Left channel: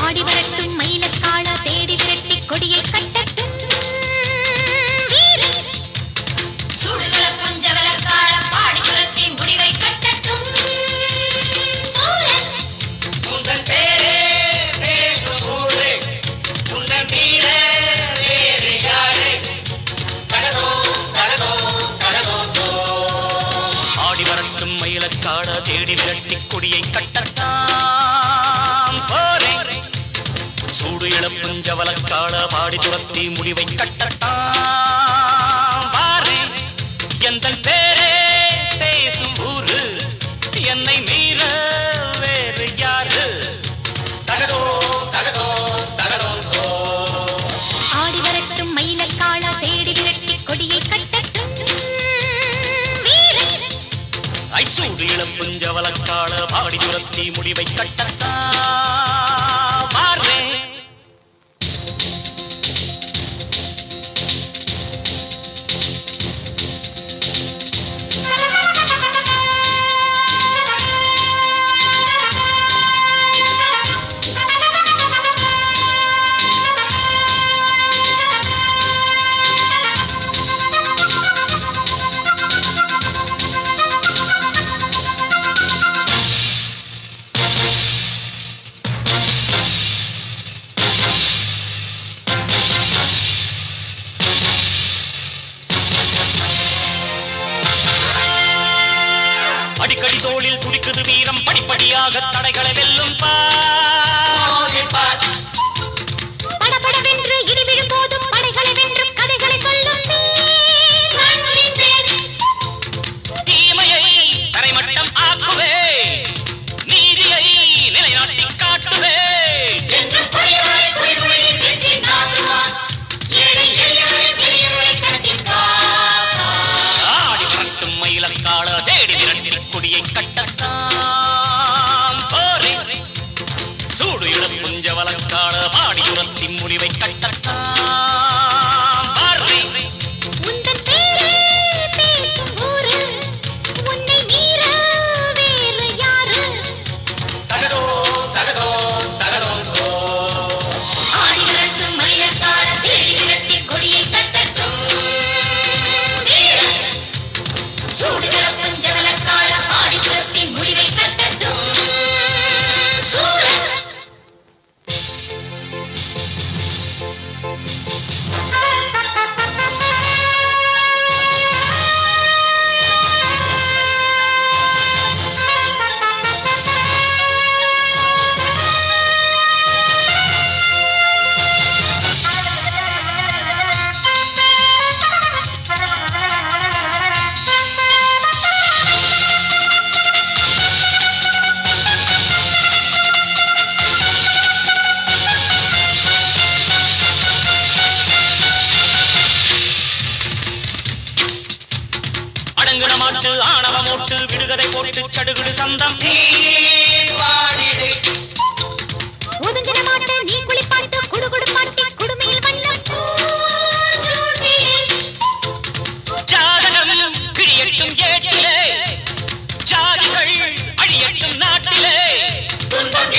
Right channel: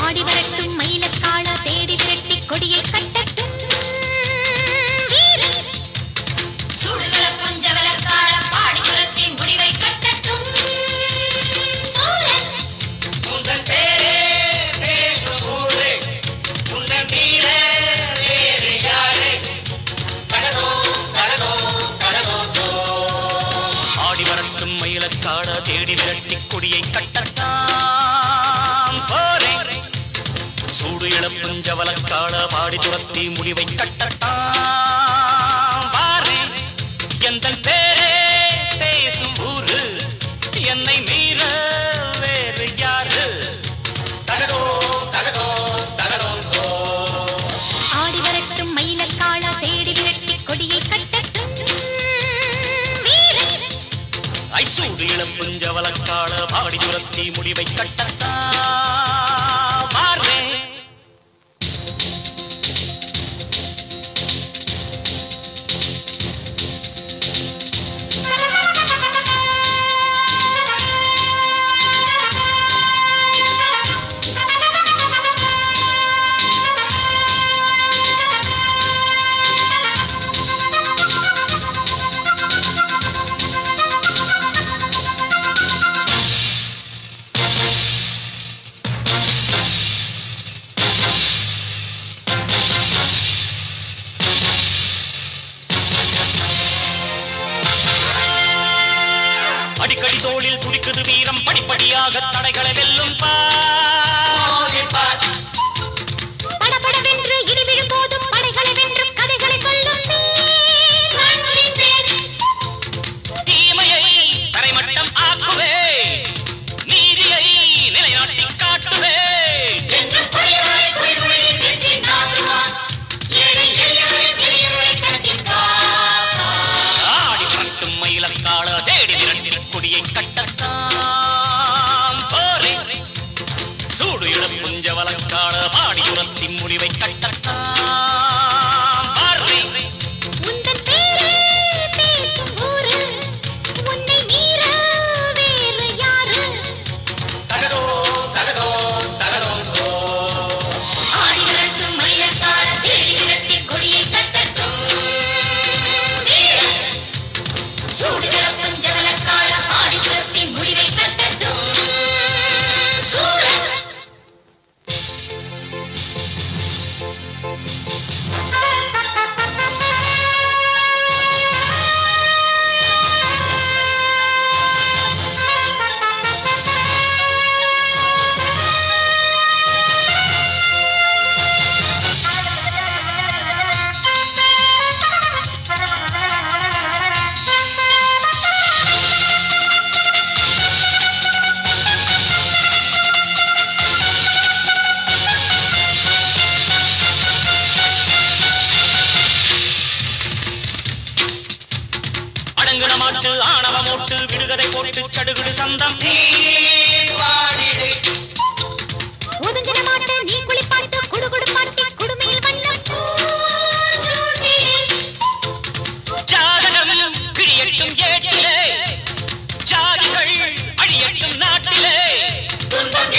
ஆடி வரட்டும் மயிலக்காள தேடி விரட்டி கொடியை கட்டட்டும் வீரன் சூடுகள பஞ்சவலக்காள பாடி துரத்தி முடிவை கட்டட்டும் சூரன் உங்கள் பேரே பேசும் ஊரே உங்கள் மீற வேறு யாரே கடதோ கடதோ கடதோ ஆடி வரட்டும் மயிலக்காள தேடி விரட்டி கொடியை கட்டட்டாம் போரே சூடு இளப்புஞ்சவலக்காள பாடி துரத்தி முடிவை கட்டட்டாம் பாரே எந்தன் பேரே பேசும் ஊரு என்னை மீற வேறு யாரு கடதோ கடதோ கடதோ ஆடி வரட்டும் மயிலக்காள தேடி விரட்டி கொடியை கட்டட்டும் வீரன் ஐசூடு இளப்புஞ்சவலக்காள பாடி துரத்தி முடிவை கட்டட்டாம் பாரே அடிக்கடி தோளில் துடிக்குது வீரம் படிப்படியாக தடைகளை வெல்லும் படபடவென்று இடி விழும் போதும் படைகளை வென்றும் கதைகளை சொல்லும் தீமையை தரைமட்டம் ஆக்குவே நீதியை நிலைநாட்டி காட்டுவே ஆடி வரட்டும் மயிலக்காள தேடி விரட்டி கொடியை கட்டட்டாம் போரே சூடு இளப்புஞ்சவலக்காள பாடி துரத்தி முடிவை கட்டட்டாம் பாரே உந்தன் பேரே பேசும் ஊரு உன்னை மீற வேறு யாரு கடதோ கடதோ கடதோ ஆடி வரட்டும் மயிலக்காள தேடி விரட்டி கொடியை கட்டட்டும் வீரன் சூடுகள பஞ்சவலக்காள பாடி துரத்தி முடிவை கட்டட்டும் சூரன் அடங்குன மாட்டு ஆணவ மோட்டு விடுகதை போட்டு சடுகுடு சந்தம் ஒதுங்கின மாட்டு நீ குளிப்பாட்டு குடுகுடு பாட்டி குடுமையில் வண்ணம் ஜாதகம் கிழியட்டும் ஏட்டிலே ஜாதிகள் அழியட்டும் நாட்டிலே துன்பம்